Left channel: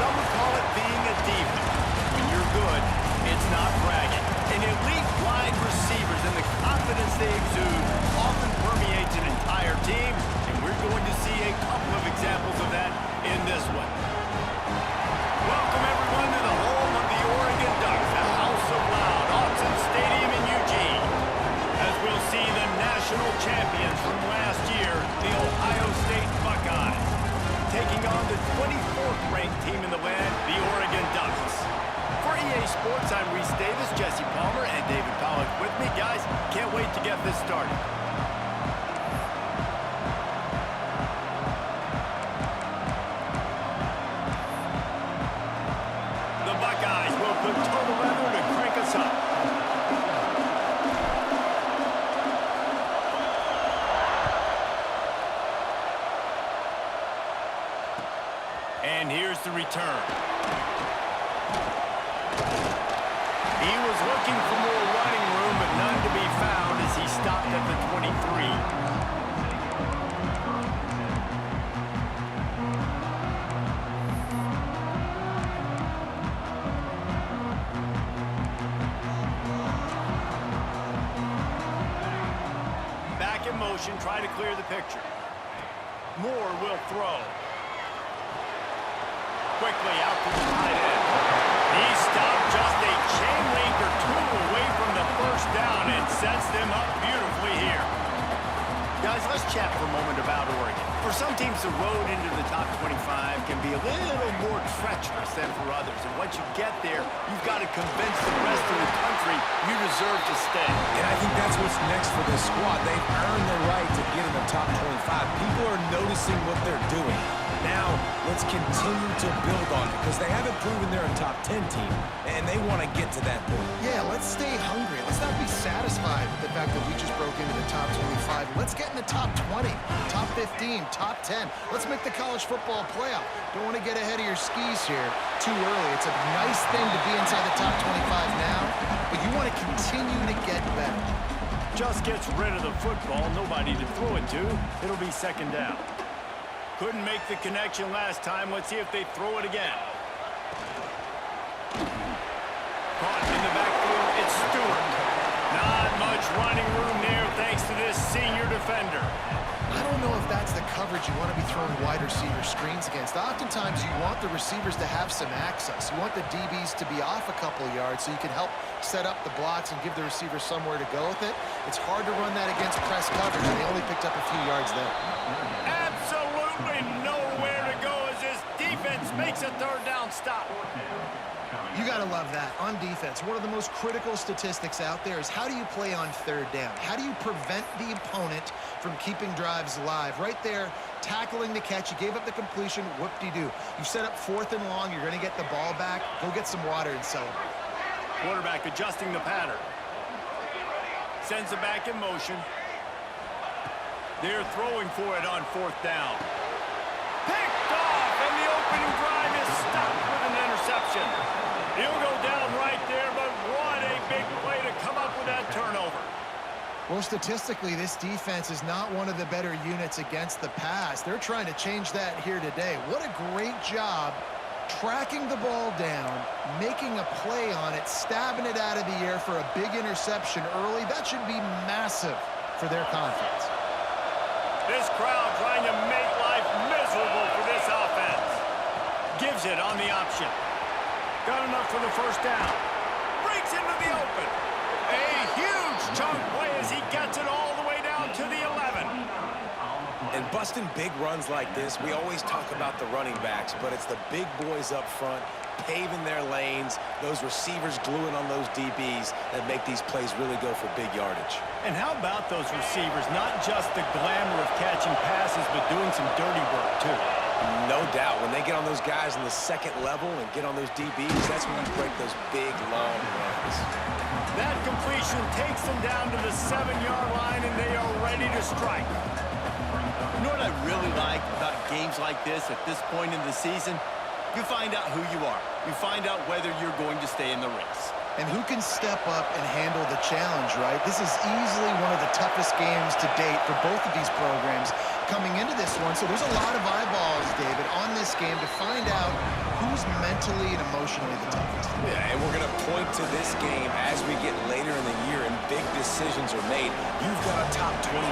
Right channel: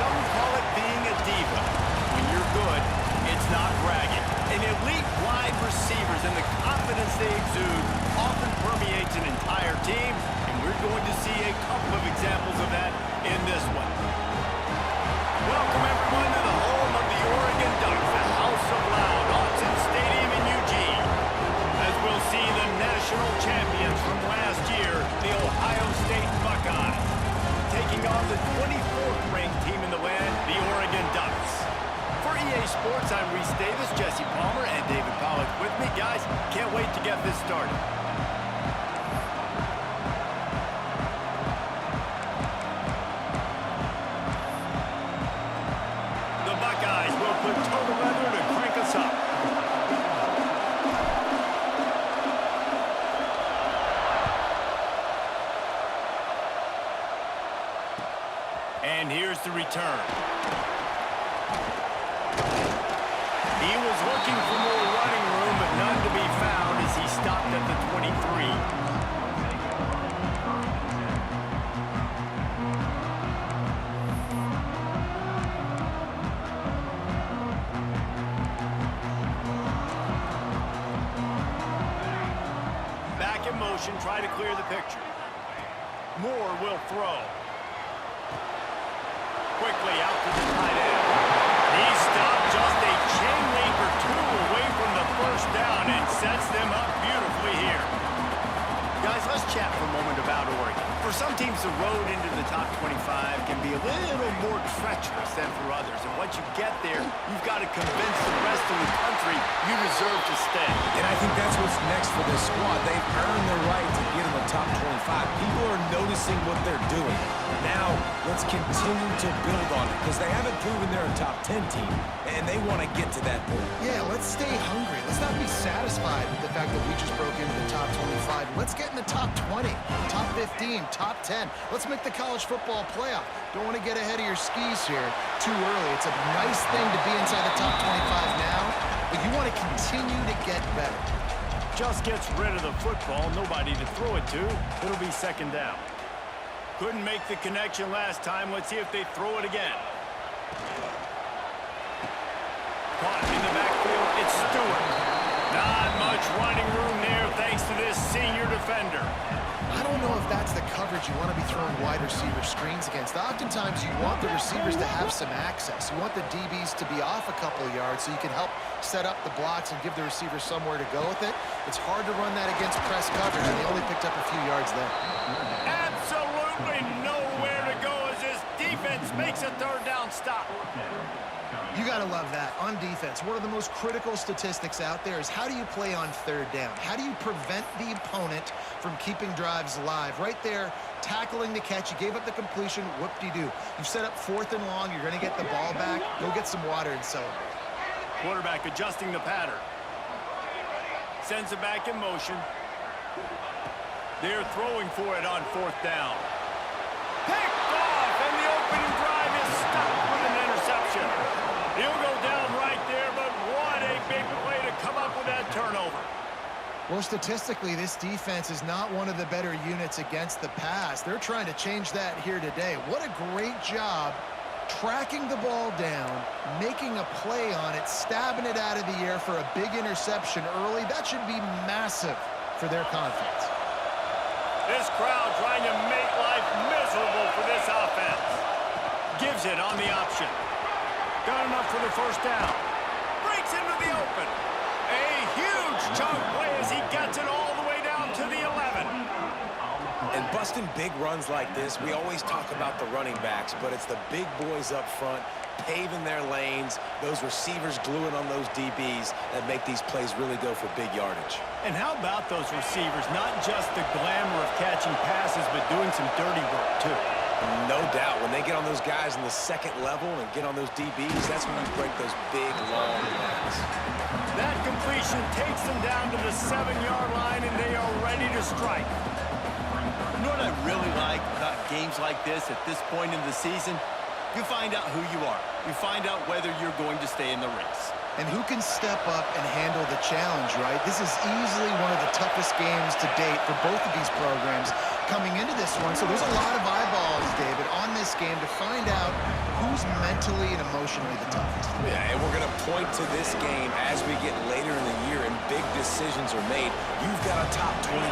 some call it being a diva. When you're good, it's not bragging. And elite wide receivers and the confidence they exude often permeates an entire team, and we're going to see a couple of examples of that in this one. Welcome, everyone, to the home of the Oregon Ducks, the House of Loud, Autzen Stadium in Eugene, as we'll see the national champions from last year, the Ohio State Buckeyes, taking on the 24th-ranked team in the land, the Oregon Ducks. For EA Sports, I'm Reese Davis, Jesse Palmer, and David Pollack with me. Guys, can't wait to get this started. The Buckeyes will put total leather to crank us up. And here's the return. He was looking for more running room, but none to be found as he stopped at the 23. Back in motion, try to clear the picture. Moore will throw. Quickly out to the tight end. He stopped just a chain link or two away from the first down and sets them up beautifully here. Guys, let's chat for a moment about Oregon. For some teams, the road into the top 25 can be a little more treacherous than for others. And once you get there, you've got to convince the rest of the country you deserve to stay. And I think that's what's next for this squad. They've earned the right to get in the top 25. People are noticing what they're doing. Now, let's continue to build on it because they haven't proven they're a top 10 team, and they want to get to that point. Yeah, let's stay hungry. Let's not be satisfied with the fact that we just broke into the top 25. Let's get in the top 20, top 15, top 10. Let's make the college football playoff. Don't want to get ahead of your skis here too early. It's a nice thing to be inside the top 25 now, but you want to continue to get better. Just gets rid of the football, nobody to throw it to. It'll be second down. Couldn't make the connection last time. Let's see if they throw it again. Caught in the backfield, it's Stewart. Not much running room there thanks to this senior defender. I don't know if that's the coverage you want to be throwing wide receiver screens against. Oftentimes, you want the receivers to have some access. You want the DBs to be off a couple of yards so you can help set up the blocks and give the receivers somewhere to go with it. It's hard to run that against press coverage, and they only picked up a few yards there. Absolutely nowhere to go as this defense makes a third down stop. You got to love that. On defense, one of the most critical statistics out there is how do you play on third down? How do you prevent the opponent from keeping drives alive? Right there, tackling the catch. You gave up the completion. Whoop-de-doo. You've set up 4th and long. You're going to get the ball back. Go get some water and celebrate. Quarterback adjusting the pattern. Sends it back in motion. They're throwing for it on 4th down. Picked off, and the opening drive is stopped with an interception. He'll go down right there, but what a big play to come up with that turnover. Well, statistically, this defense is not one of the better units against the pass. They're trying to change that here today. What a great job tracking the ball down, making a play on it, stabbing it out of the air for a big interception early. That should be massive for their confidence. This crowd trying to make life miserable for this offense. Gives it on the option. Got enough for the first down. Breaks into the open. A huge chunk play as he gets it all the way down to the 11. And busting big runs like this, we always talk about the running backs, but it's the big boys up front paving their lanes, those receivers gluing on those DBs that make these plays really go for big yardage. And how about those receivers? Not just the glamour of catching passes, but doing some dirty work, too. No doubt. When they get on those guys in the second level and get on those DBs, that's when you break those big, long runs. That completion takes them down to the 7-yard line, and they are ready to strike. You know what I really like about games like this at this point in the season? You find out who you are. You find out whether you're going to stay in the race. And who can step up and handle the challenge, right? This is easily one of the toughest games to date for both of these programs coming into this one. So there's a lot of eyeballs, David, on this game to find out who's mentally and emotionally the toughest. Yeah, and we're going to point to this game as we get later in the year and big decisions are made. You've got a top 25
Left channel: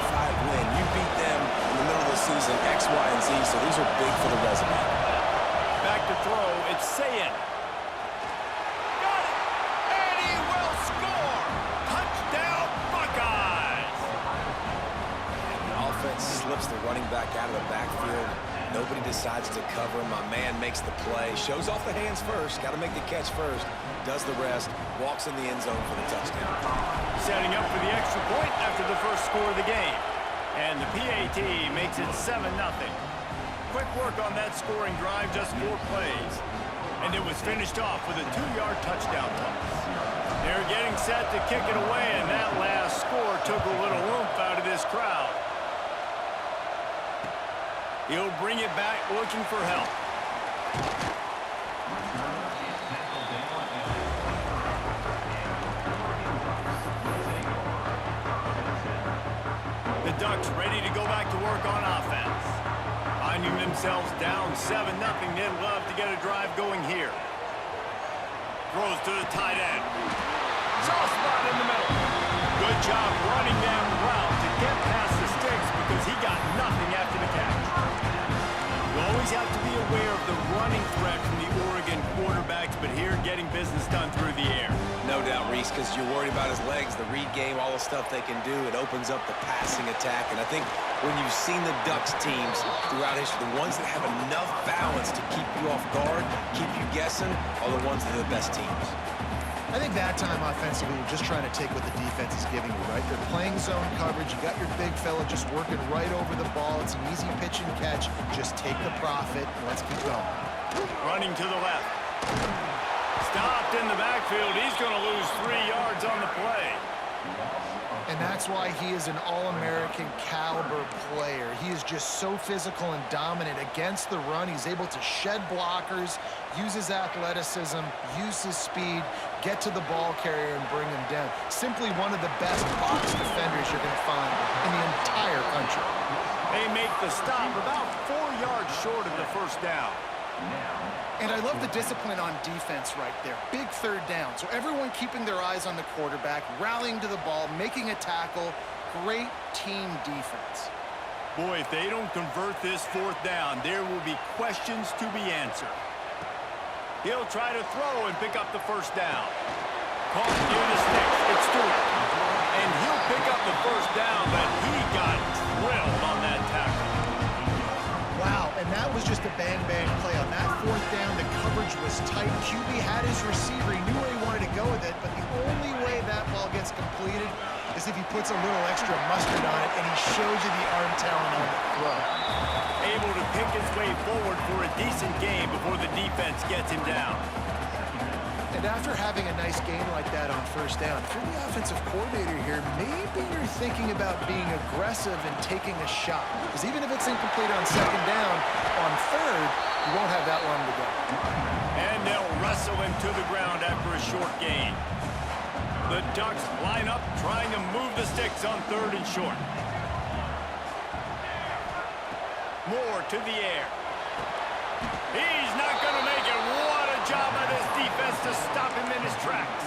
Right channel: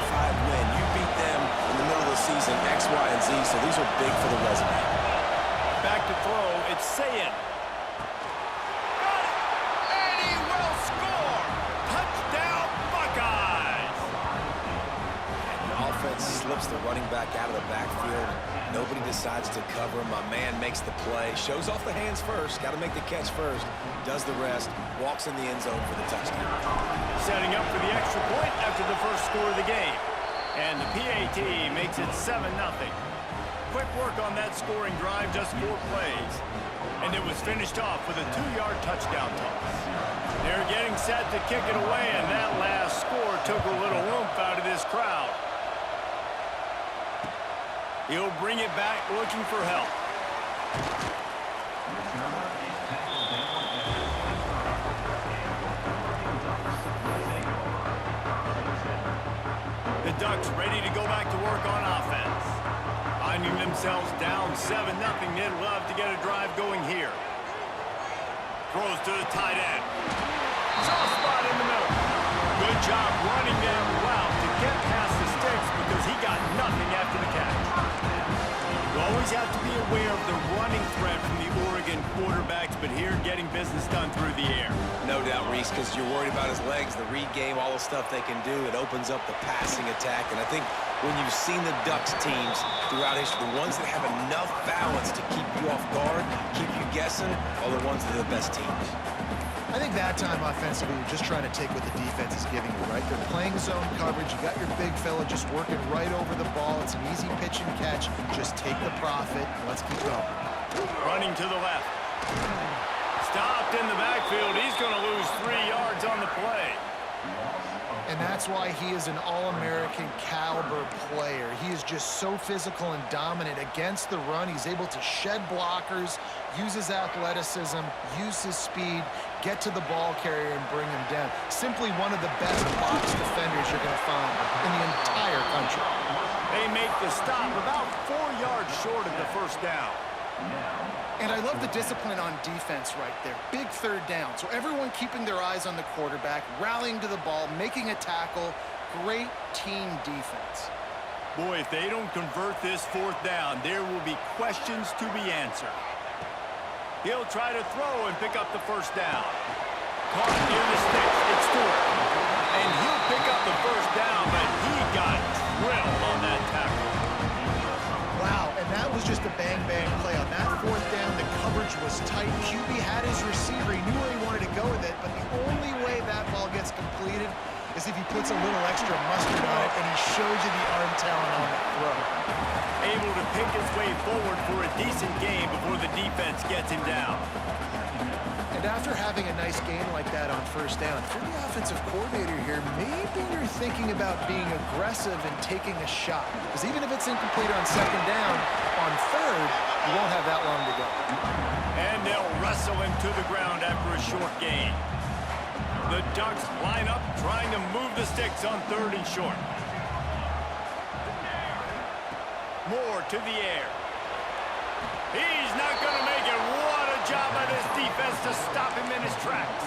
win. You beat them in the middle of the season, X, Y, and Z, so these are big for the resume. Back to throw, it's Sayin. Got it! And he will score! Touchdown, Buckeyes! And the offense slips the running back out of the backfield. Nobody decides to cover him. My man makes the play. Shows off the hands first. Got to make the catch first. Does the rest. Walks in the end zone for the touchdown. Setting up for the extra point after the first score of the game. And the PAT makes it 7-0. Quick work on that scoring drive, just 4 plays. And it was finished off with a 2-yard touchdown toss. They're getting set to kick it away, and that last score took a little oomph out of this crowd. He'll bring it back looking for help. The Ducks ready to go back to work on offense. Finding themselves down 7-0, they'd love to get a drive going here. Throws to the tight end. Soft spot in the middle. Good job running that route to get past the sticks because he got nothing after the catch. You always have to be aware of the running threat from the Oregon quarterbacks, but here getting business done through the air. No doubt, Reese, because you're worried about his legs, the read game, all the stuff they can do. It opens up the passing attack. And I think when you've seen the Ducks teams throughout history, the ones that have enough balance to keep you off guard, keep you guessing, are the ones that are the best teams. I think that time offensively, you're just trying to take what the defense is giving you, right? They're playing zone coverage. You got your big fella just working right over the ball. It's an easy pitch and catch. Just take the profit and let's keep going. Running to the left. Stopped in the backfield. He's going to lose 3 yards on the play. And that's why he is an All-American caliber player. He is just so physical and dominant against the run. He's able to shed blockers, use his athleticism, use his speed, get to the ball carrier and bring him down. Simply one of the best box defenders you're going to find in the entire country. They make the stop about 4 yards short of the first down. And I love the discipline on defense right there. Big third down. So everyone keeping their eyes on the quarterback, rallying to the ball, making a tackle. Great team defense. Boy, if they don't convert this 4th down, there will be questions to be answered. He'll try to throw and pick up the first down. Caught near the sticks. It's Stewart. And he'll pick up the first down, but he got drilled on that tackle. Wow, and that was just a bang-bang play. On that 4th down, the coverage was tight. QB had his receiver. He knew where he wanted to go with it, but the only way that ball gets completed is if he puts a little extra mustard on it, and he shows you the arm talent on the throw. Able to pick his way forward for a decent game before the defense gets him down. And after having a nice game like that on 1st down, if you're the offensive coordinator here, maybe you're thinking about being aggressive and taking a shot. Because even if it's incomplete on 2nd down, on 3rd, you won't have that long to go. And they'll wrestle him to the ground after a short gain. The Ducks line up, trying to move the sticks on 3rd and short. Moore to the air. He's not going to make it. What a job by this defense to stop him in his tracks.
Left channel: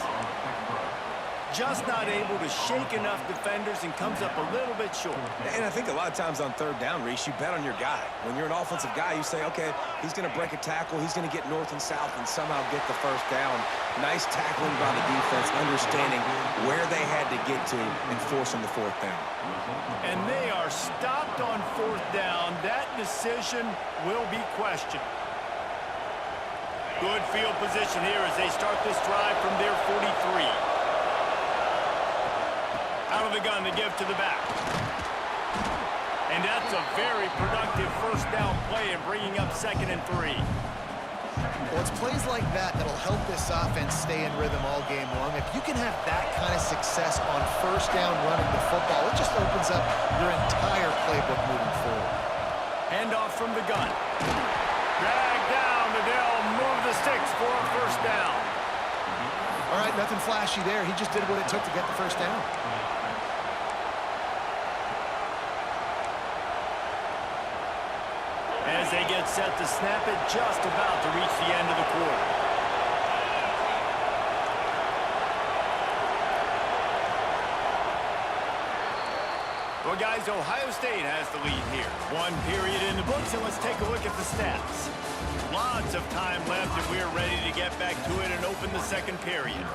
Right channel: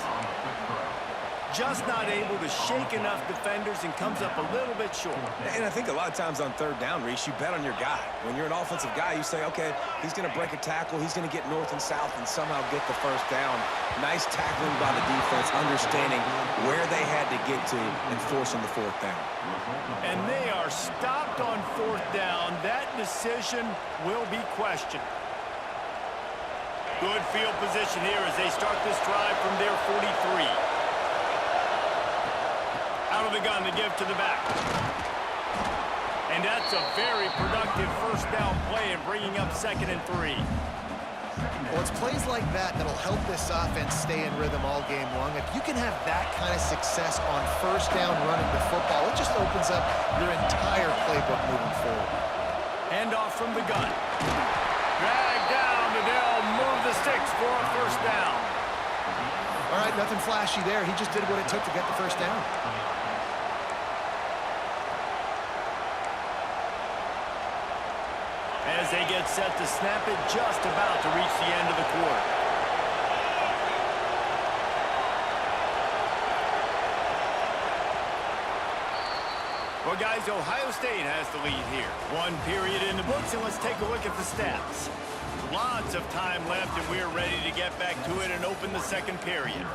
Just not able to shake enough defenders and comes up a little bit short. And I think a lot of times on 3rd down, Reese, you bet on your guy. When you're an offensive guy, you say, okay, he's going to break a tackle, he's going to get north and south and somehow get the 1st down. Nice tackling by the defense, understanding where they had to get to and forcing the 4th down. And they are stopped on 4th down. That decision will be questioned. Good field position here as they start this drive from their 43. Out of the gun to give to the back. And that's a very productive 1st down play and bringing up 2nd and 3. Well, it's plays like that that'll help this offense stay in rhythm all game long. If you can have that kind of success on 1st down running the football, it just opens up your entire playbook moving forward. Handoff from the gun. Drag down to Dell, move the sticks for a 1st down. All right, nothing flashy there. He just did what it took to get the 1st down. as they get set to snap it, just about to reach the end of the quarter. Well, guys, Ohio State has the lead here. One period in the books, and let's take a look at the stats. Lots of time left, and we're ready to get back to it and open the second period.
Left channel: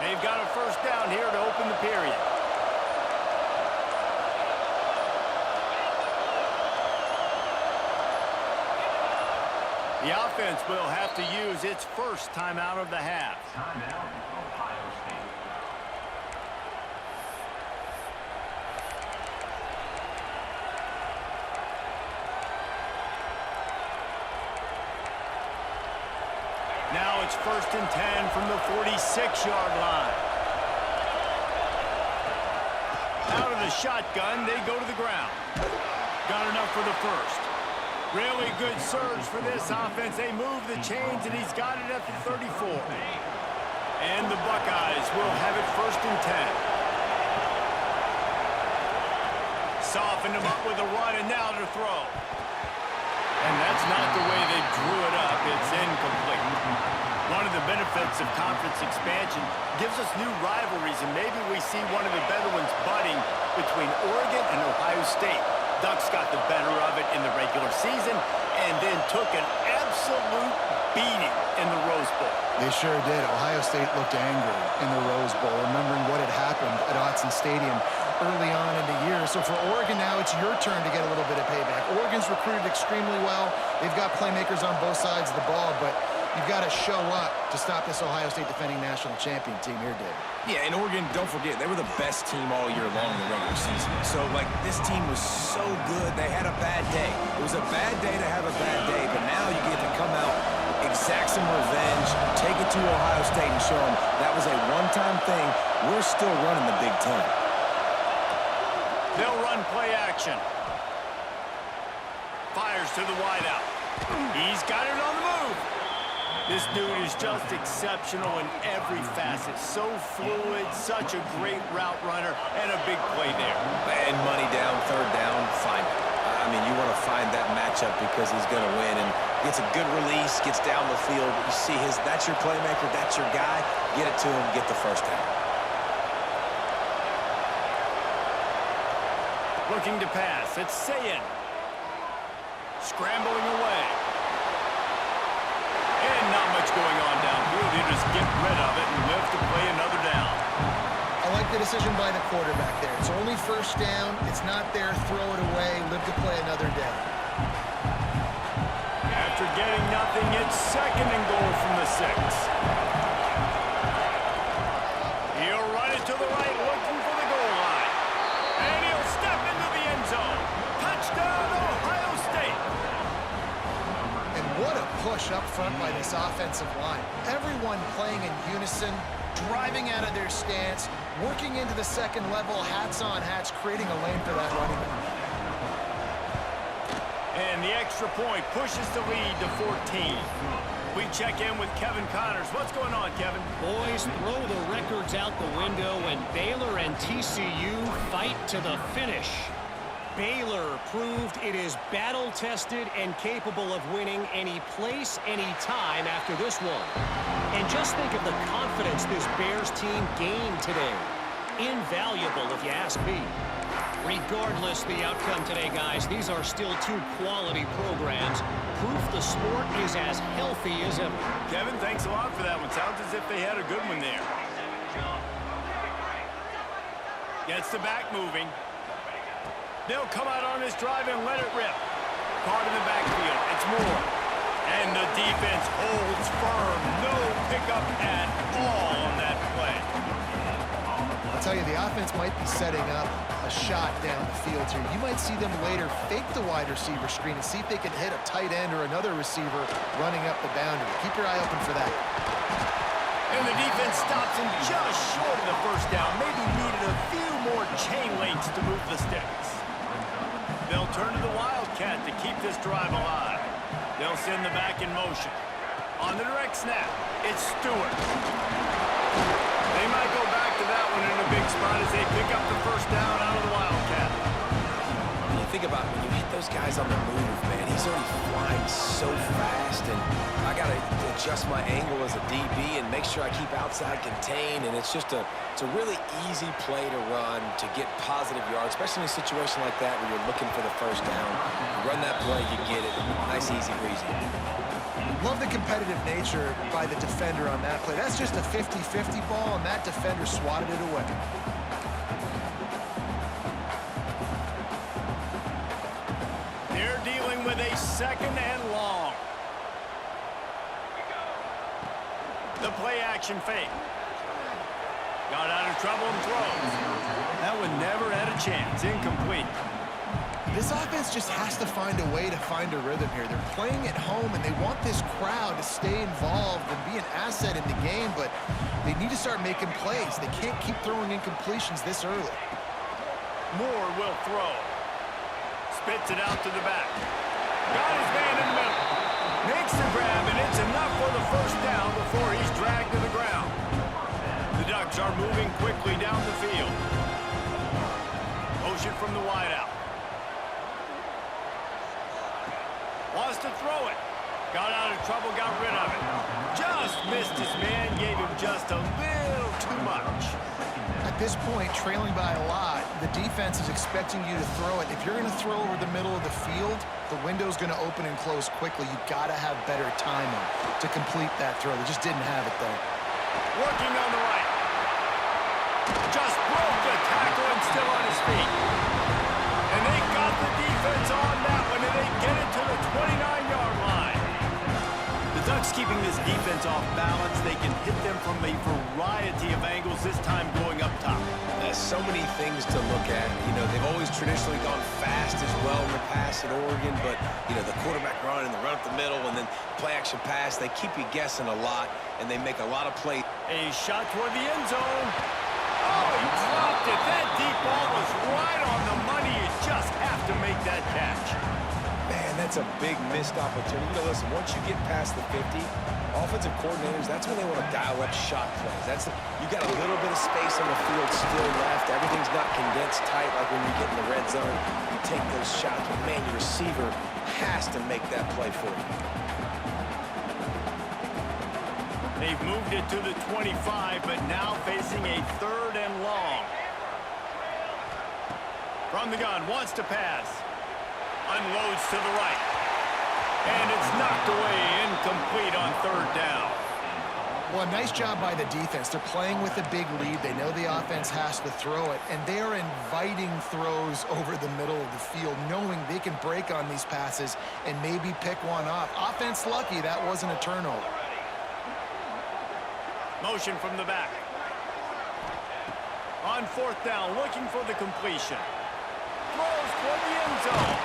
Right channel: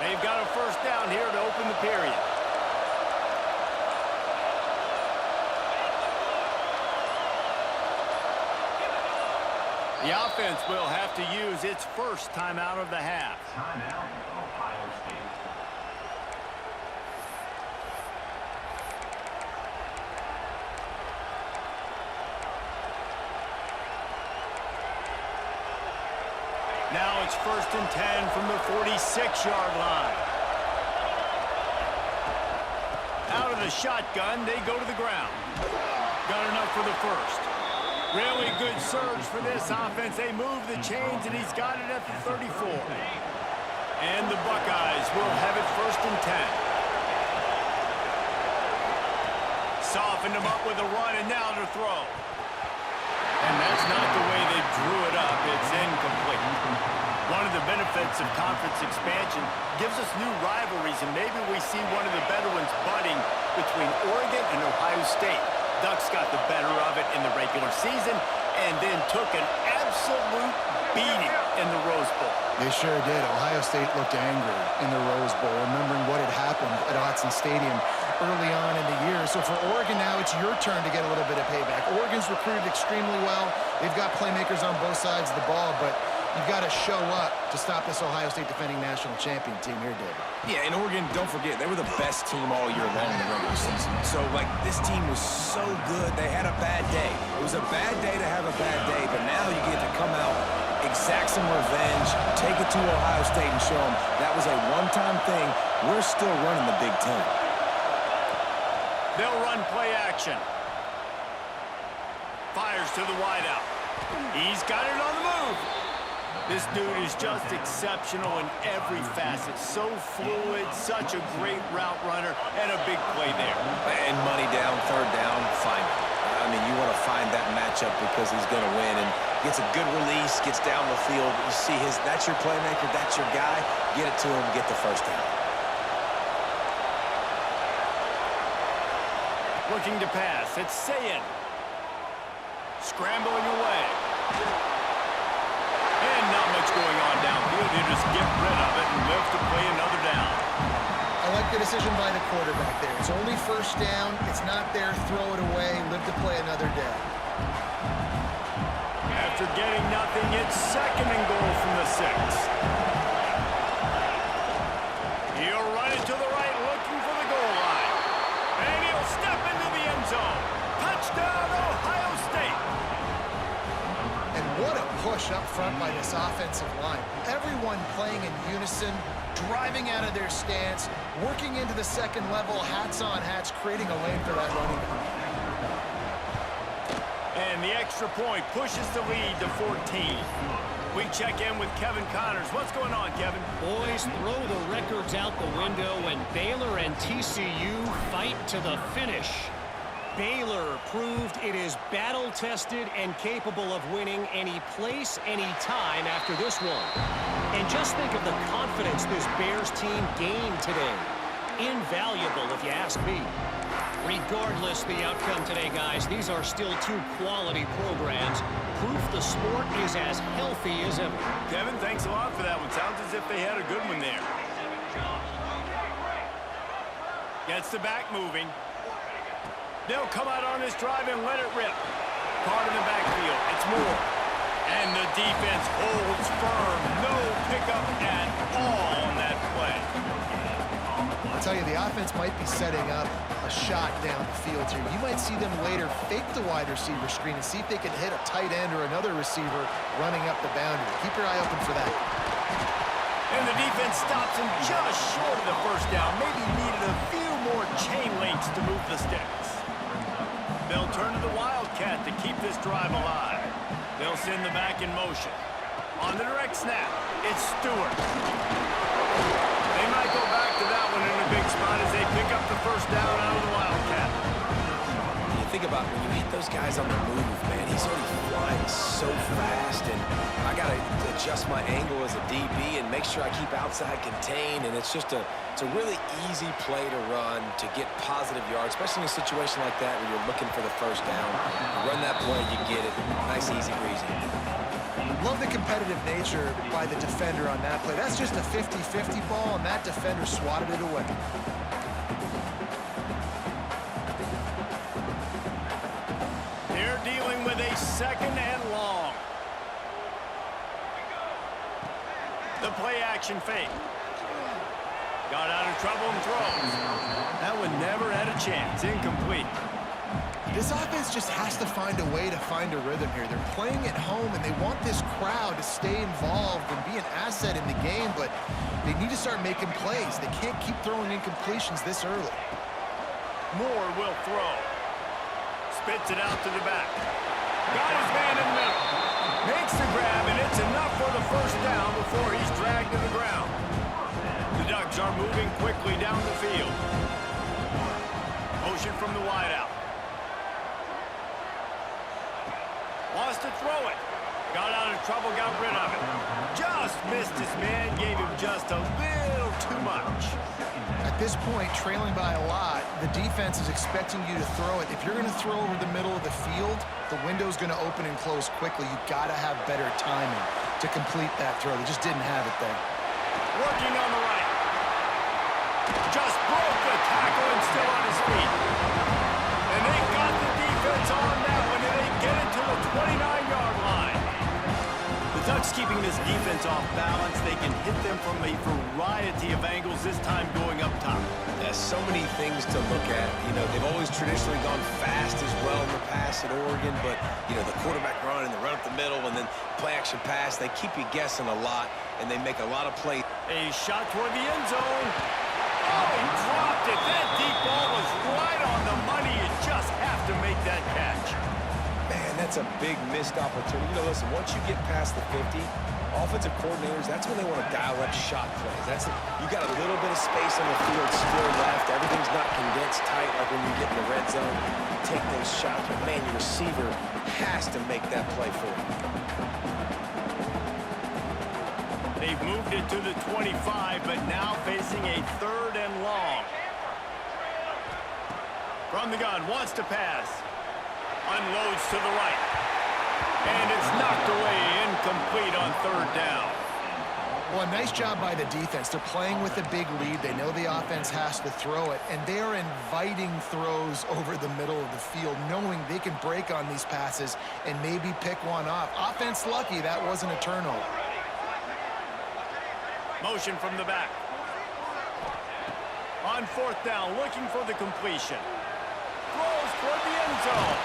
They've got a first down here to open the period. The offense will have to use its first timeout of the half. Timeout, Ohio State. Now it's 1st and 10 from the 46-yard line. Out of the shotgun, they go to the ground. Got enough for the first. Really good surge for this offense. They move the chains, and he's got it at the 34. And the Buckeyes will have it 1st and 10. Softened him up with a run, and now to throw. And that's not the way they drew it up. It's incomplete. One of the benefits of conference expansion gives us new rivalries, and maybe we see one of the better ones budding between Oregon and Ohio State. Ducks got the better of it in the regular season and then took an absolute beating in the Rose Bowl. They sure did. Ohio State looked angry in the Rose Bowl, remembering what had happened at Autzen Stadium early on in the year. So for Oregon now, it's your turn to get a little bit of payback. Oregon's recruited extremely well. They've got playmakers on both sides of the ball, but you've got to show up to stop this Ohio State defending national champion team here, David. Yeah, and Oregon, don't forget, they were the best team all year long in the regular season. So, like, this team was so good, they had a bad day. It was a bad day to have a bad day, but now you get to come out, exact some revenge, take it to Ohio State and show them that was a one-time thing. We're still running the Big Ten. They'll run play action. Fires to the wideout. He's got it on the move. This dude is just exceptional in every facet. So fluid, such a great route runner, and a big play there. And money down, 3rd down, fine. I mean, you want to find that matchup because he's going to win, and gets a good release, gets down the field. You see that's your playmaker, that's your guy. Get it to him, get the first down. Looking to pass, it's Sayin. Scrambling away. And not much going on downfield. He'll just get rid of it and live to play another down. I like the decision by the quarterback there. It's only 1st down. It's not there. Throw it away. Live to play another day. After getting nothing, it's 2nd and goal from the 6. He'll run it to the right, looking for the goal line. And he'll step into the end zone. Touchdown, Ohio State. And what a push up front by this offensive line. Everyone playing in unison, driving out of their stance, working into the 2nd level, hats on hats, creating a lane for that running back. And the extra point pushes the lead to 14. We check in with Kevin Connors. What's going on, Kevin? Boys, throw the records out the window, and Baylor and TCU fight to the finish. Baylor proved it is battle-tested and capable of winning any place, any time after this one. And just think of the confidence this Bears team gained today. Invaluable, if you ask me. Regardless the outcome today, guys, these are still 2 quality programs. Proof the sport is as healthy as ever. Kevin, thanks a lot for that one. Sounds as if they had a good one there. Gets the back moving. They'll come out on this drive and let it rip. Caught in the backfield. It's Moore. And the defense holds firm. No pickup at all on that play. I'll tell you, the offense might be setting up a shot down the field here. You might see them later fake the wide receiver screen and see if they can hit a tight end or another receiver running up the boundary. Keep your eye open for that. And the defense stops him just short of the first down. Maybe needed a few more chain links to move the sticks. They'll turn to the Wildcat to keep this drive alive. They'll send the back in motion. On the direct snap, it's Stewart. They might go back to that one in a big spot as they pick up the first down out of the Wildcat. When you think about when you hit those guys on the move, man, he's already flying so fast, and I got to adjust my angle as a DB and make sure I keep outside contained, and it's a really easy play to run to get positive yards, especially in a situation like that where you're looking for the first down. You run that play, you get it. Nice, easy breezy. Love the competitive nature by the defender on that play. That's just a 50-50 ball, and that defender swatted it away. They're dealing with a 2nd and long. The play action fake. Got out of trouble and throws. That one never had a chance. Incomplete. This offense just has to find a way to find a rhythm here. They're playing at home, and they want this crowd to stay involved and be an asset in the game, but they need to start making plays. They can't keep throwing incompletions this early. Moore will throw. Spits it out to the back. Got his man in the middle. Makes the grab, and it's enough for the first down before he's dragged to the ground. The Ducks are moving quickly down the field. Motion from the wideout. Wants to throw it. Got out of trouble, got rid of it. Just missed his man, gave him just a little too much. At this point, trailing by a lot, the defense is expecting you to throw it. If you're going to throw over the middle of the field, the window's going to open and close quickly. You've got to have better timing to complete that throw. They just didn't have it there. Working on the right. Just broke the tackle and still on his feet. And they got the defense on that one, and they get it to the 29-yard line. The Ducks keeping this defense off balance. They can hit them from a variety of angles, this time going up top. There's so many things to look at. You know, they've always traditionally gone fast as well in the pass at Oregon, but, you know, the quarterback run and the run up the middle and then play-action pass, they keep you guessing a lot, and they make a lot of plays. A shot toward the end zone. Oh, he dropped it. That deep ball was right on the money. You just have to make that catch. Man, that's a big missed opportunity. You know, listen, once you get past the 50, offensive coordinators, that's when they want to dial up shot plays. You got a little bit of space on the field still left. Everything's not condensed tight like when you get in the red zone. You take those shots, but man, your receiver has to make that play for you. They've moved it to the 25, but now facing a 3rd and long. From the gun, wants to pass. Unloads to the right. And it's knocked away, incomplete on 3rd down. Well, a nice job by the defense. They're playing with a big lead. They know the offense has to throw it, and they are inviting throws over the middle of the field, knowing they can break on these passes and maybe pick one off. Offense lucky that wasn't a turnover. Motion from the back. On 4th down, looking for the completion. Throws toward the end zone.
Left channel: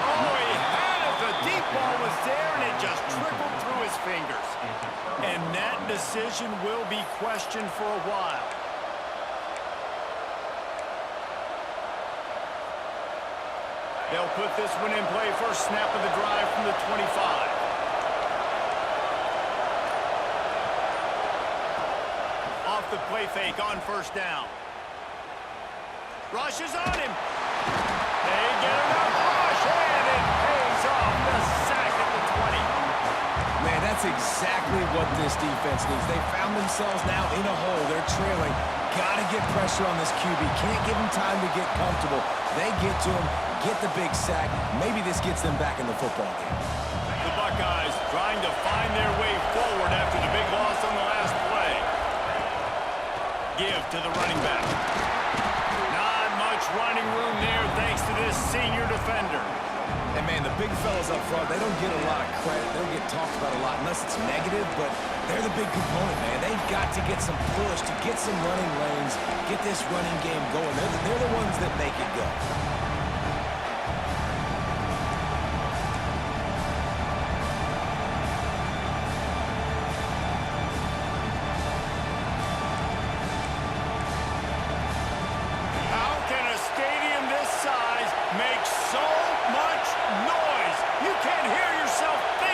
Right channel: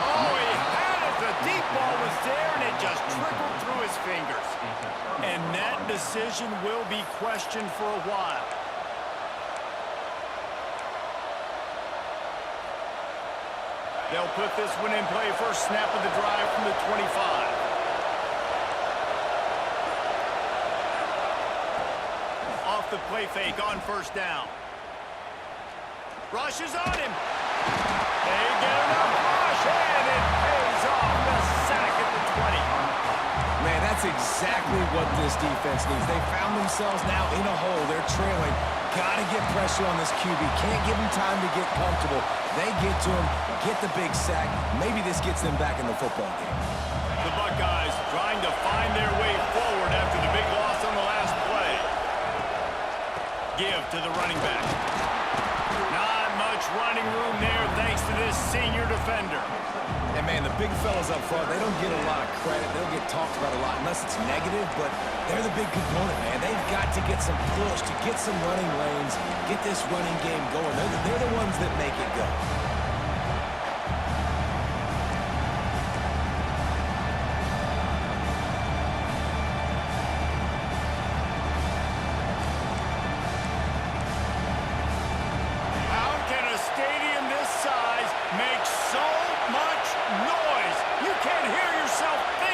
Oh, he had it. The deep ball was there, and it just trickled through his fingers. And that decision will be questioned for a while. They'll put this one in play. First snap of the drive from the 25. Off the play fake on 1st down. Rushes on him. They get enough rush, and it pays off. The sack at the 20. Man, that's exactly what this defense needs. They found themselves now in a hole. They're trailing. Got to get pressure on this QB. Can't give him time to get comfortable. They get to him, get the big sack. Maybe this gets them back in the football game. The Buckeyes trying to find their way forward after the big loss on the last play. Give to the running back. Not much running room there thanks to this senior defender. And, man, the big fellas up front, they don't get a lot of credit. They don't get talked about a lot unless it's negative, but they're the big component, man. They've got to get some push, to get some running lanes, get this running game going. They're the ones that make it go. Stadium this size makes so much noise. You can't hear yourself think.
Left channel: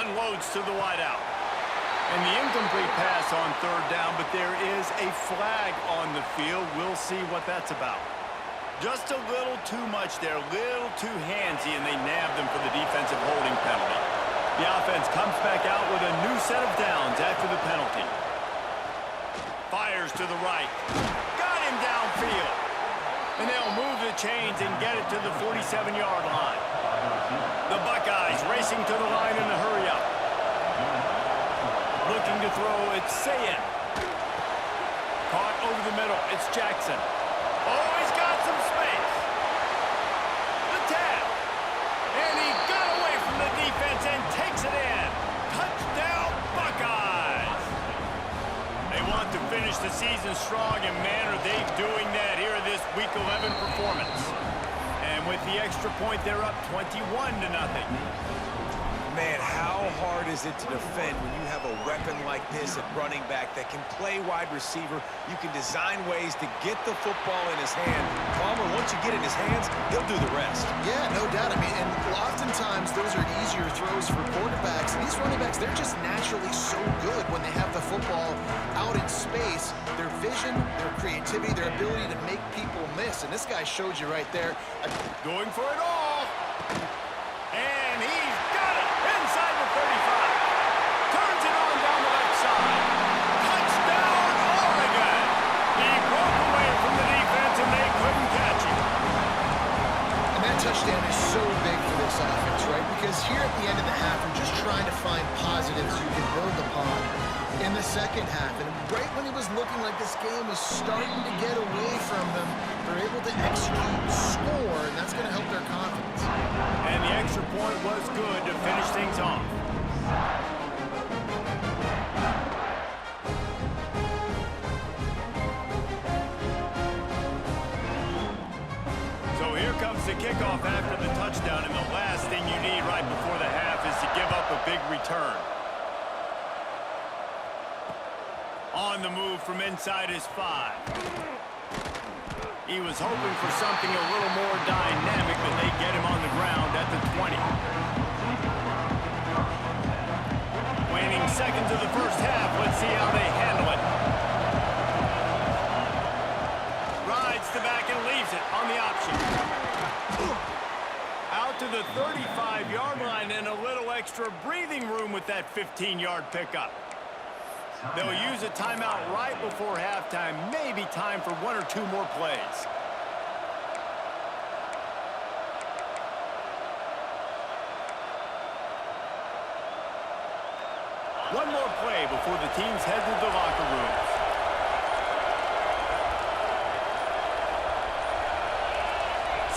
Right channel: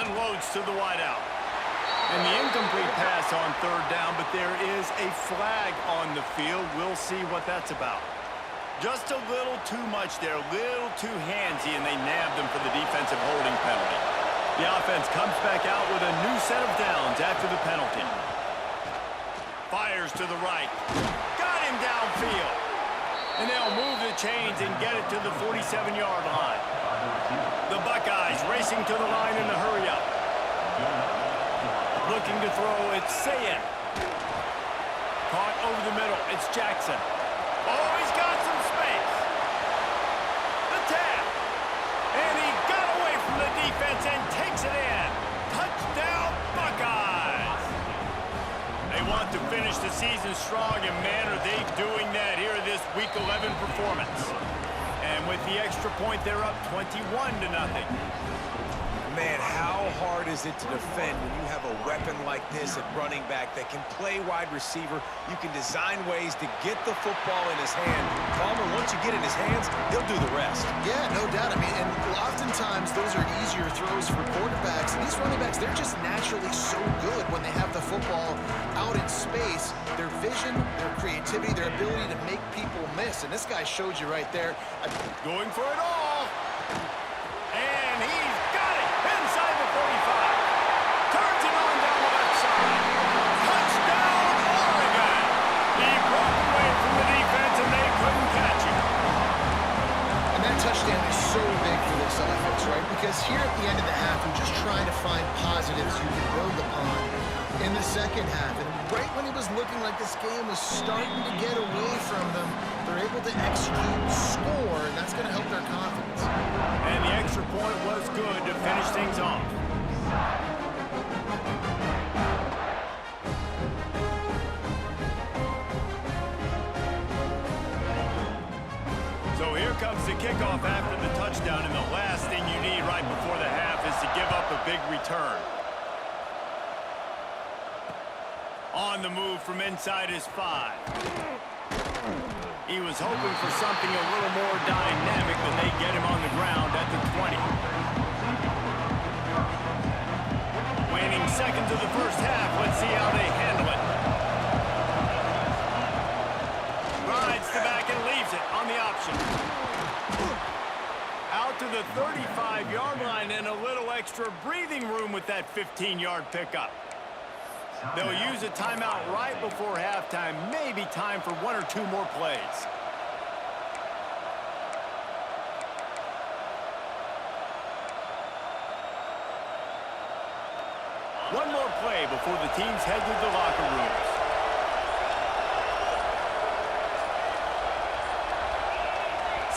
Unloads to the wideout. And the incomplete pass on third down, but there is a flag on the field. We'll see what that's about. Just a little too much there, a little too handsy, and they nabbed them for the defensive holding penalty. The offense comes back out with a new set of downs after the penalty. Fires to the right. Got him downfield. And they'll move the chains and get it to the 47-yard line. The Buckeyes racing to the line in a hurry-up. Looking to throw, it's Sayin. Caught over the middle, it's Jackson. Oh, he's got some space. The tap. And he got away from the defense and takes it in. Touchdown, Buckeyes. They want to finish the season strong, and man, are they doing that here in this Week 11 performance. And with the extra point, they're up 21-0. Man, how hard is it to defend when you have a weapon like this at running back that can play wide receiver? You can design ways to get the football in his hand. Palmer, once you get it in his hands, he'll do the rest. Yeah, no doubt. I mean, and oftentimes those are easier throws for quarterbacks. These running backs, they're just naturally so good when they have the football out in space. Their vision, their creativity, their ability to make people miss. And this guy showed you right there. Going for it all. And he's got it inside the 35. Turns it on down the left side. Touchdown, Oregon. He broke away from the defense, and they couldn't catch him. And that touchdown is so big for this offense, right? Because here at the end of the half, we're just trying to find positives you can build upon in the second half. And right when it was looking like this game was starting to get away from them, they're able to execute, score, and that's going to help their confidence. And the extra point was good to finish things off. So here comes the kickoff after the touchdown, and the last thing you need right before the half is to give up a big return. On the move from inside his 5. He was hoping for something a little more dynamic, but they get him on the ground at the 20. Waning seconds of the first half. Let's see how they handle it. Rides the back and leaves it on the option. Out to the 35-yard line, and a little extra breathing room with that 15-yard pickup. They'll use a timeout right before halftime, maybe time for one or two more plays. One more play before the teams head to the locker rooms.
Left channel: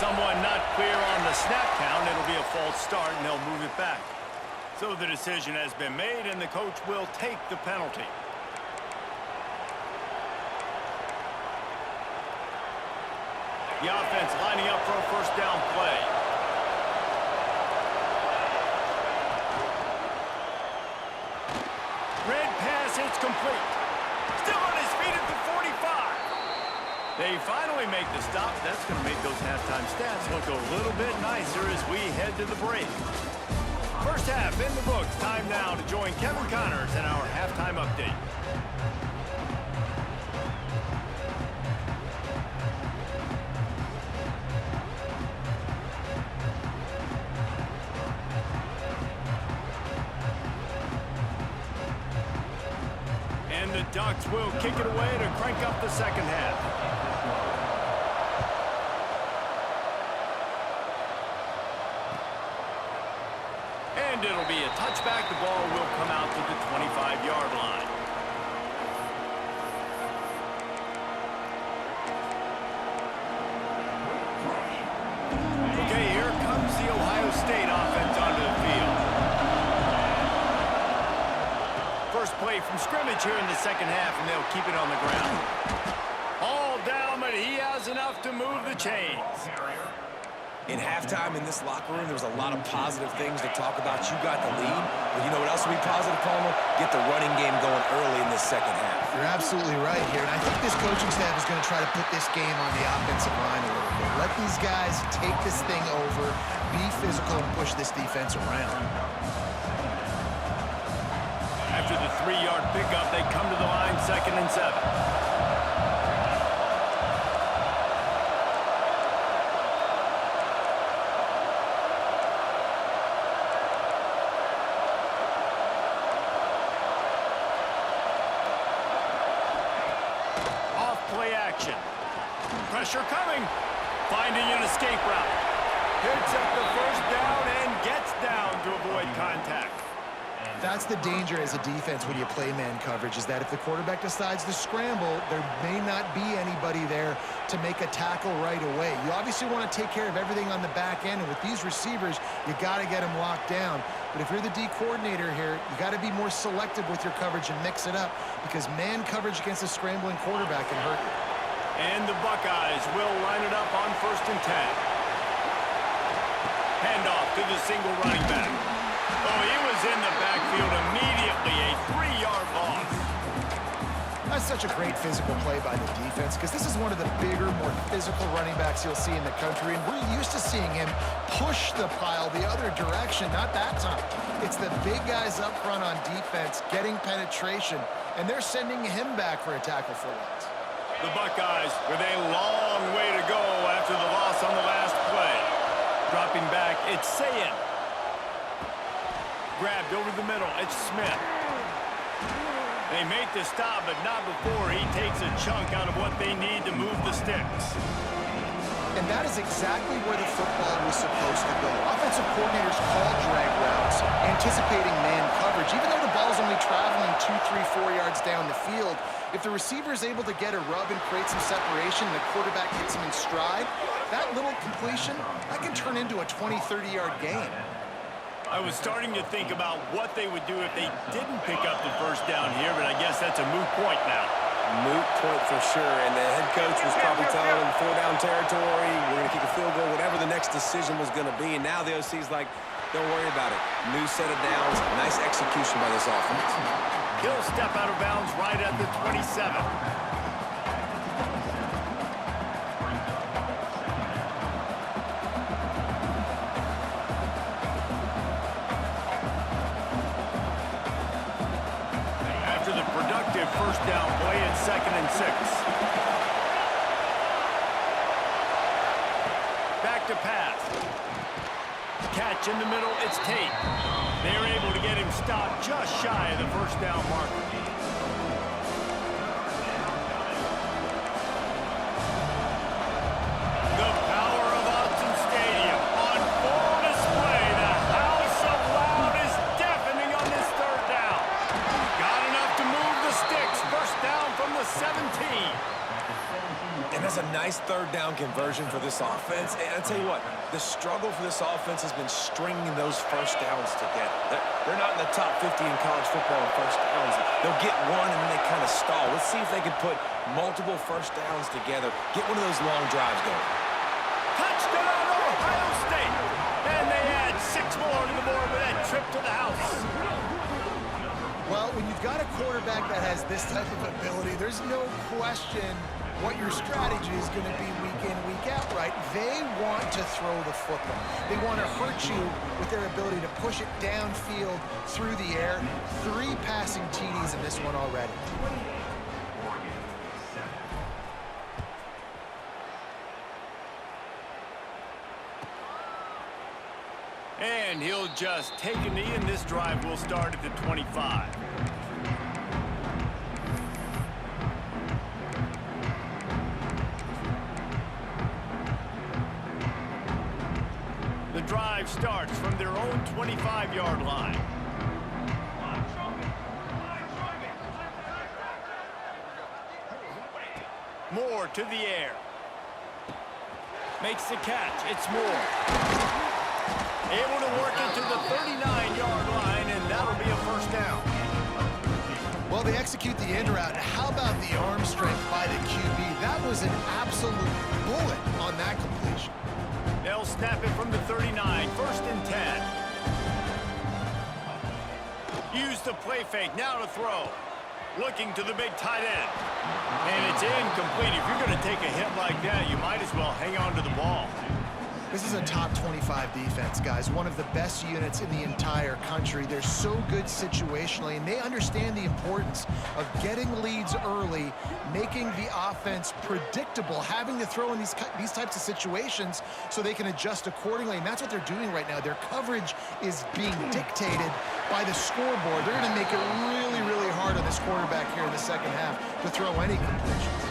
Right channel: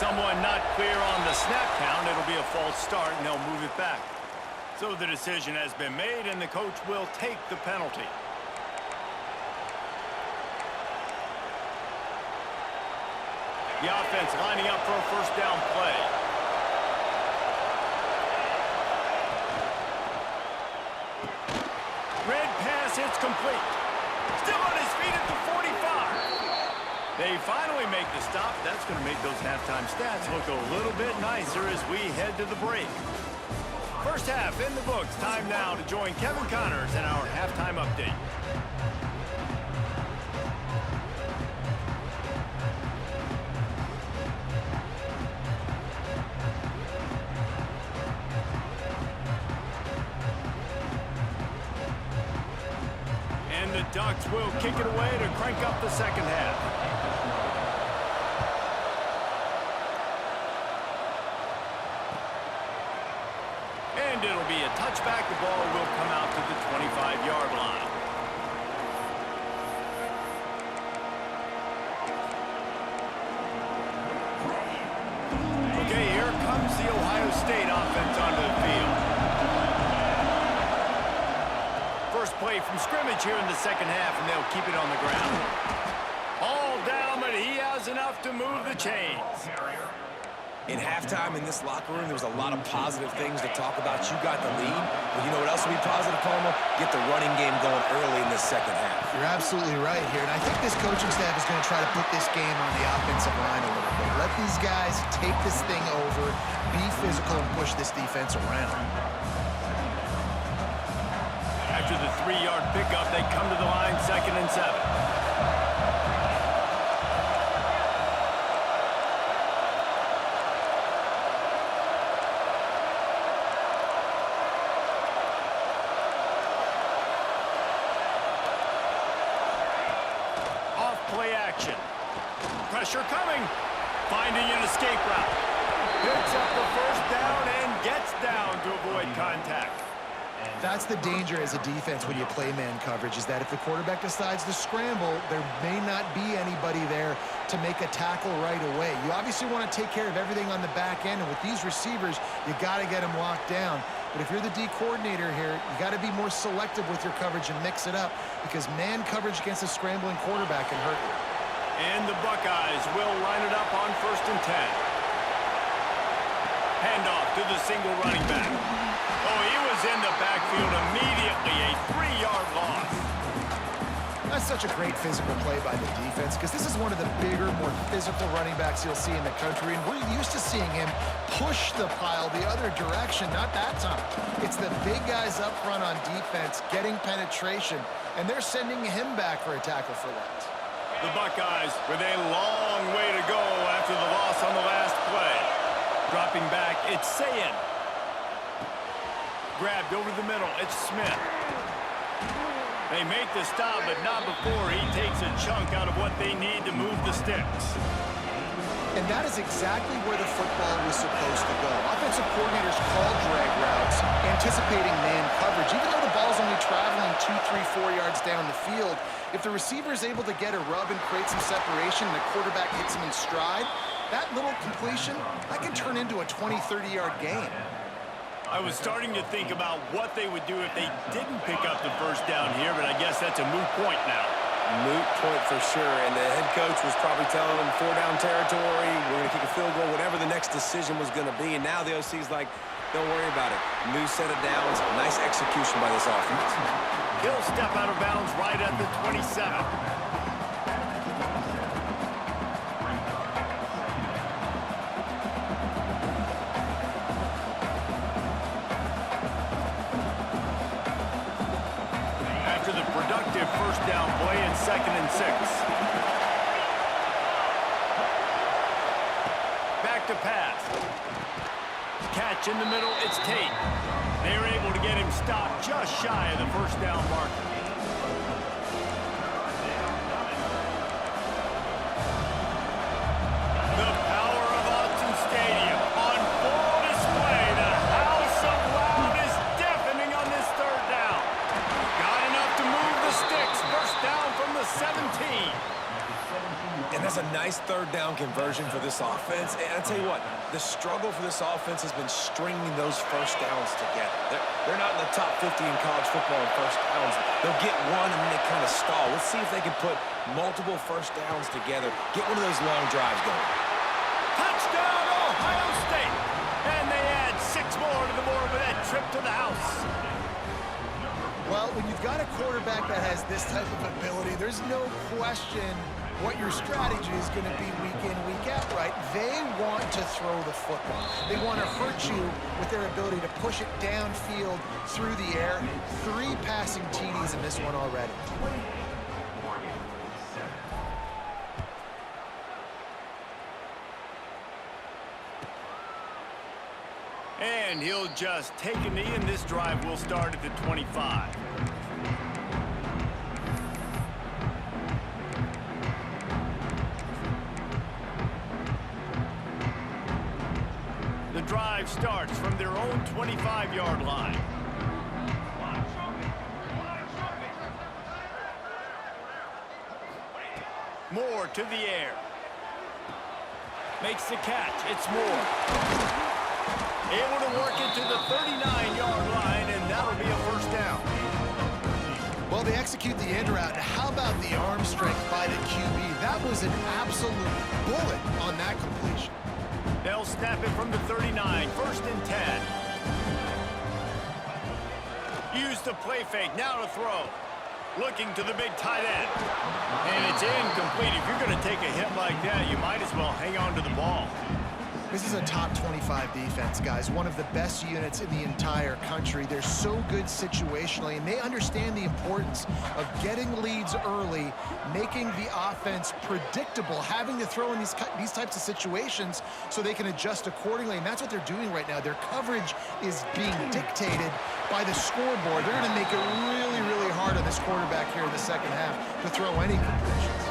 Someone not clear on the snap count. It'll be a false start, and they'll move it back. So the decision has been made, and the coach will take the penalty. The offense lining up for a first down play. Red pass, it's complete. Still on his feet at the 45. They finally make the stop. That's going to make those halftime stats look a little bit nicer as we head to the break. First half in the books. Time now to join Kevin Connors in our halftime update. And the Ducks will kick it away to crank up the second half. And it'll be a touchback. The ball will come out to the 25-yard line. Okay, here comes the Ohio State offense onto the field. First play from scrimmage here in the second half, and they'll keep it on the ground. All down, but he has enough to move the chains. In halftime in this locker room, there was a lot of positive things to talk about. You got the lead, but you know what else will be positive, Palmer? Get the running game going early in this second half. You're absolutely right here, and I think this coaching staff is going to try to put this game on the offensive line a little bit. Let these guys take this thing over, be physical, and push this defense around. 3-yard pickup. They come to the line, 2nd and 7. Play action. Pressure coming. Finding an escape route. Picks up the first down and gets down to avoid contact. That's the danger as a defense when you play man coverage, is that if the quarterback decides to scramble, there may not be anybody there to make a tackle right away. You obviously want to take care of everything on the back end, and with these receivers, you got to get them locked down. But if you're the D coordinator here, you got to be more selective with your coverage and mix it up, because man coverage against a scrambling quarterback can hurt you. And the Buckeyes will line it up on 1st and 10. Handoff to the single running back. Oh, he was in the backfield immediately, a 3-yard loss. That's such a great physical play by the defense, because this is one of the bigger, more physical running backs you'll see in the country, and we're used to seeing him push the pile the other direction. Not that time. It's the big guys up front on defense getting penetration, and they're sending him back for a tackle for loss. The Buckeyes with a long way to go after the loss on the last play. Dropping back, it's Sayin. Grabbed over the middle, it's Smith. They make the stop, but not before he takes a chunk out of what they need to move the sticks. And that is exactly where the football was supposed to go. Offensive coordinators call drag routes, anticipating man coverage. Even though the ball's only traveling 2, 3, 4 yards down the field, if the receiver is able to get a rub and create some separation and the quarterback hits him in stride, that little completion, that can turn into a 20, 30-yard gain. I was starting to think about what they would do if they didn't pick up the first down here, but I guess that's a moot point now. Moot point for sure, and the head coach was probably telling them 4-down territory, we're going to kick a field goal, whatever the next decision was going to be, and now the OC's like, don't worry about it. New set of downs, nice execution by this offense. He'll step out of bounds right at the 27. After the productive first down play, it's 2nd and 6. Back to pass. Catch in the middle, it's Tate. They're able to get him stopped just shy of the first down marker. The power of Autzen Stadium on full display. The house of loud is deafening on this 3rd down. Got enough to move the sticks. First down from the 17. And that's a nice 3rd down conversion for this offense. And I tell you what, the struggle for this offense has been stringing those first downs together. They're not in the top 50 in college football in first downs. They'll get one and then they kind of stall. Let's see if they can put multiple first downs together. Get one of those long drives going. Touchdown, Ohio State! And they add 6 more to the board with that trip to the house. Well, when you've got a quarterback that has this type of ability, there's no question what your strategy is going to be week in, week out, right? They want to throw the football. They want to hurt you with their ability to push it downfield through the air. 3 passing TDs in this one already. And he'll just take a knee, and this drive will start at the 25. The drive starts from their own 25-yard line. Moore to the air. Makes the catch. It's Moore. Able to work it to the 39-yard line, and that'll be a first down. Well, they execute the end route. How about the arm strength by the QB? That was an absolute bullet on that completion. They'll snap it from the 39, 1st and 10. Use the play fake, now to throw. Looking to the big tight end. And it's incomplete. If you're going to take a hit like that, you might as well hang on to the ball. This is a top 25 defense, guys. One of the best units in the entire country. They're so good situationally, and they understand the importance of getting leads early, making the offense predictable, having to throw in these types of situations so they can adjust accordingly, and that's what they're doing right now. Their coverage is being dictated by the scoreboard. They're going to make it really, really hard on this quarterback here in the second half to throw any completions.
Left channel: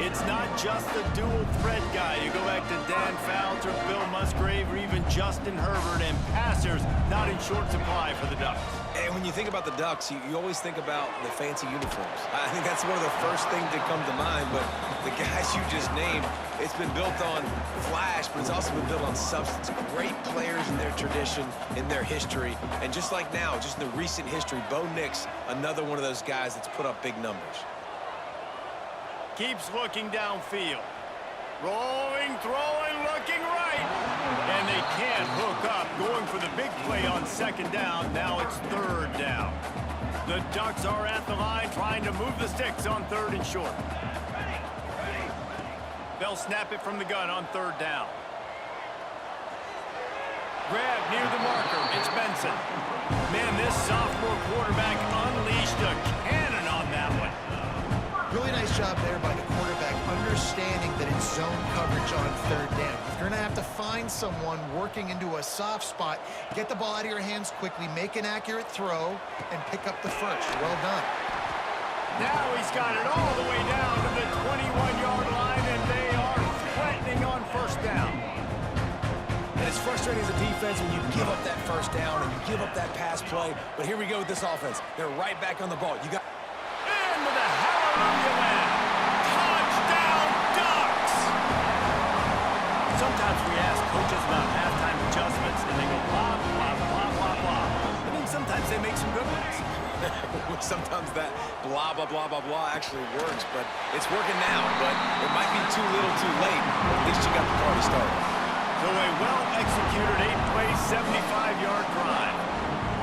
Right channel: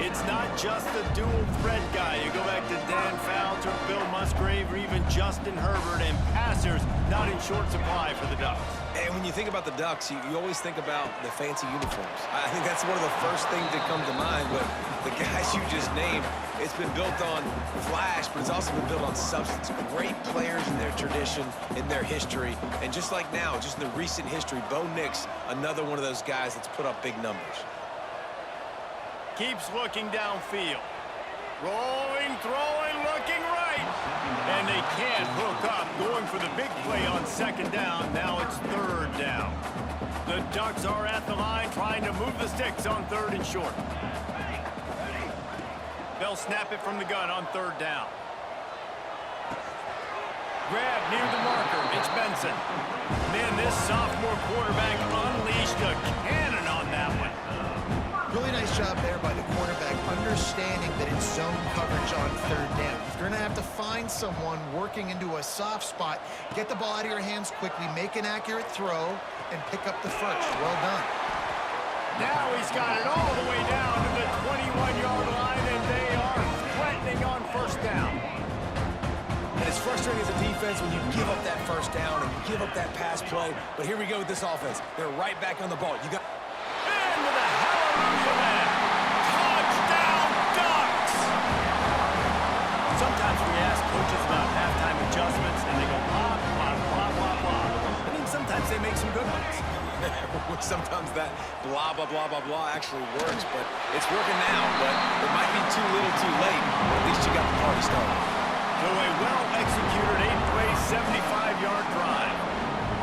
It's not just the dual threat guy. You go back to Dan Fouts or Bill Musgrave or even Justin Herbert, and passers not in short supply for the Ducks. And when you think about the Ducks, you always think about the fancy uniforms. I think that's one of the first things that come to mind, but the guys you just named, it's been built on flash, but it's also been built on substance. Great players in their tradition, in their history, and just like now, just in the recent history, Bo Nix, another one of those guys that's put up big numbers. Keeps looking downfield. Rolling, throwing, looking right. And they can't hook up. Going for the big play on second down. Now it's third down. The Ducks are at the line trying to move the sticks on third and short. They'll snap it from the gun on third down. Grab near the marker. It's Benson. Man, this sophomore quarterback unleashed a cannon on that one. Really nice job there by the quarterback, understanding that it's zone coverage on third down. If you're going to have to find someone working into a soft spot, get the ball out of your hands quickly, make an accurate throw, and pick up the first. Well done. Now he's got it all the way down to the 21-yard line, and they are threatening on first down. And it's frustrating as a defense when you give up that first down and you give up that pass play. But here we go with this offense. They're right back on the ball. You got into the hallelujah land. Touchdown, Ducks! Sometimes we ask coaches about halftime adjustments, and they go blah, blah, blah, blah, blah. I mean, sometimes they make some good ones. Sometimes that blah, blah, blah, blah, blah actually works, but it's working now. But it might be too little too late, but at least you got the party started. So a well-executed 8-play, 75-yard drive.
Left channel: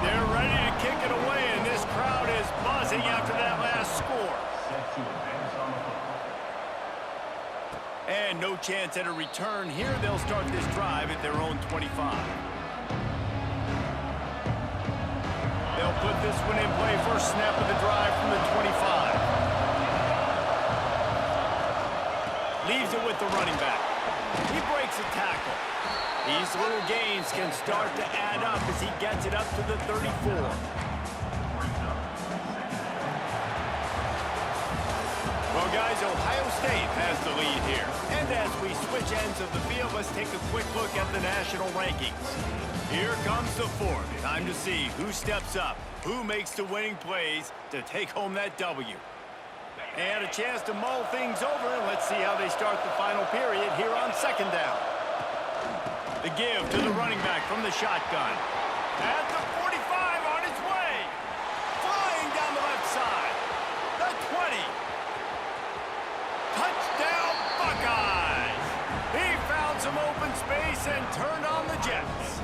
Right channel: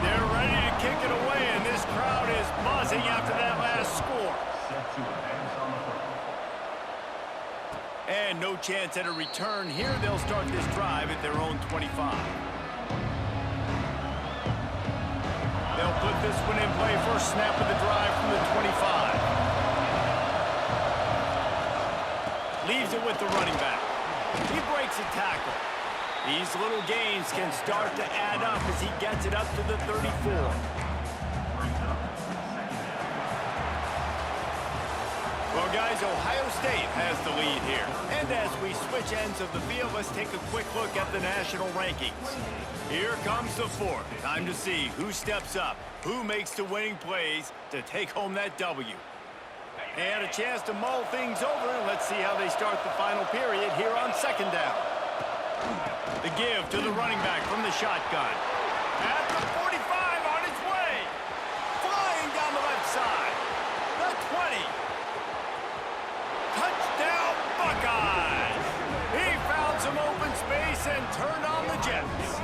They're ready to kick it away, and this crowd is buzzing after that last score. Set to advance on the football. And no chance at a return here. They'll start this drive at their own 25. They'll put this one in play. First snap of the drive from the 25. Leaves it with the running back. He breaks a tackle. These little gains can start to add up as he gets it up to the 34. Well, guys, Ohio State has the lead here. And as we switch ends of the field, let's take a quick look at the national rankings. Here comes the fourth. Time to see who steps up, who makes the winning plays to take home that W. And a chance to mull things over, and let's see how they start the final period here on second down. The give to the running back from the shotgun. At the 45 on his way. Flying down the left side. The 20. Touchdown, Buckeyes. He found some open space and turned on the Jets.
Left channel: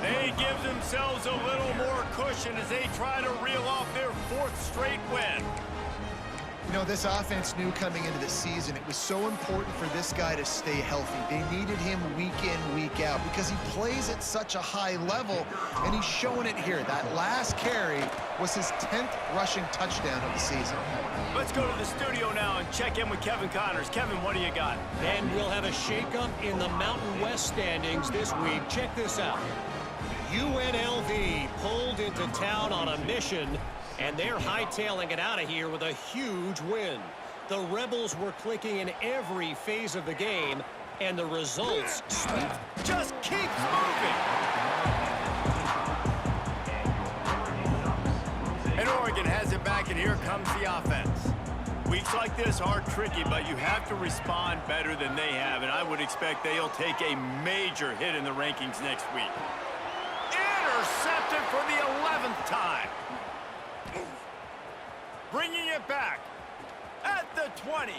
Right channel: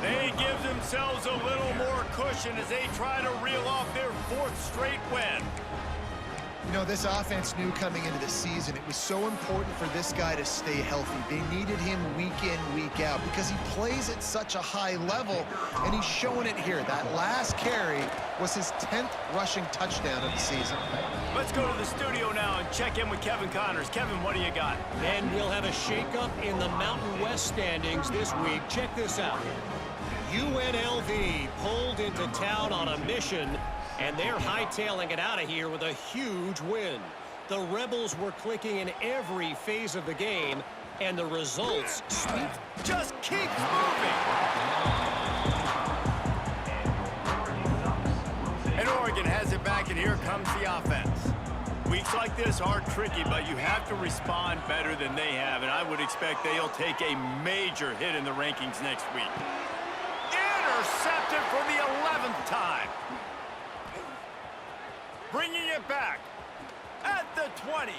They give themselves a little more cushion as they try to reel off their fourth straight win. You know, this offense knew coming into the season it was so important for this guy to stay healthy. They needed him week in, week out because he plays at such a high level, and he's showing it here. That last carry was his 10th rushing touchdown of the season. Let's go to the studio now and check in with Kevin Connors. Kevin, what do you got? And we'll have a shakeup in the Mountain West standings this week. Check this out. UNLV pulled into town on a mission, and they're hightailing it out of here with a huge win. The Rebels were clicking in every phase of the game, and the results speak. Just keeps moving. And Oregon has it back, and here comes the offense. Weeks like this are tricky, but you have to respond better than they have, and I would expect they'll take a major hit in the rankings next week. Intercepted for the 11th time. Bringing it back at the 20.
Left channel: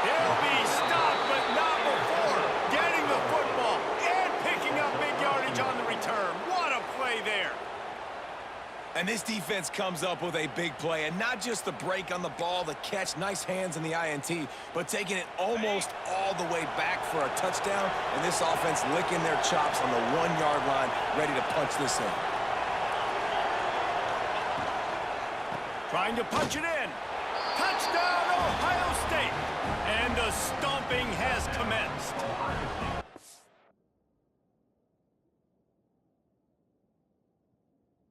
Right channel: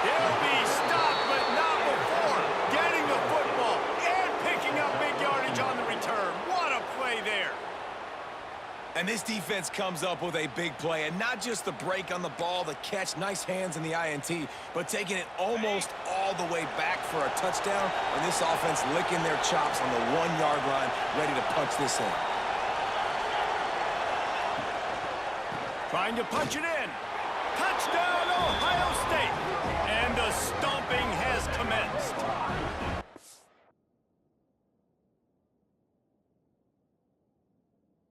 He'll be stopped, but not before getting the football and picking up big yardage on the return. What a play there. And this defense comes up with a big play, and not just the break on the ball, the catch, nice hands in the INT, but taking it almost all the way back for a touchdown, and this offense licking their chops on the 1-yard line, ready to punch this in. Trying to punch it in. Touchdown, Ohio State. And a stop.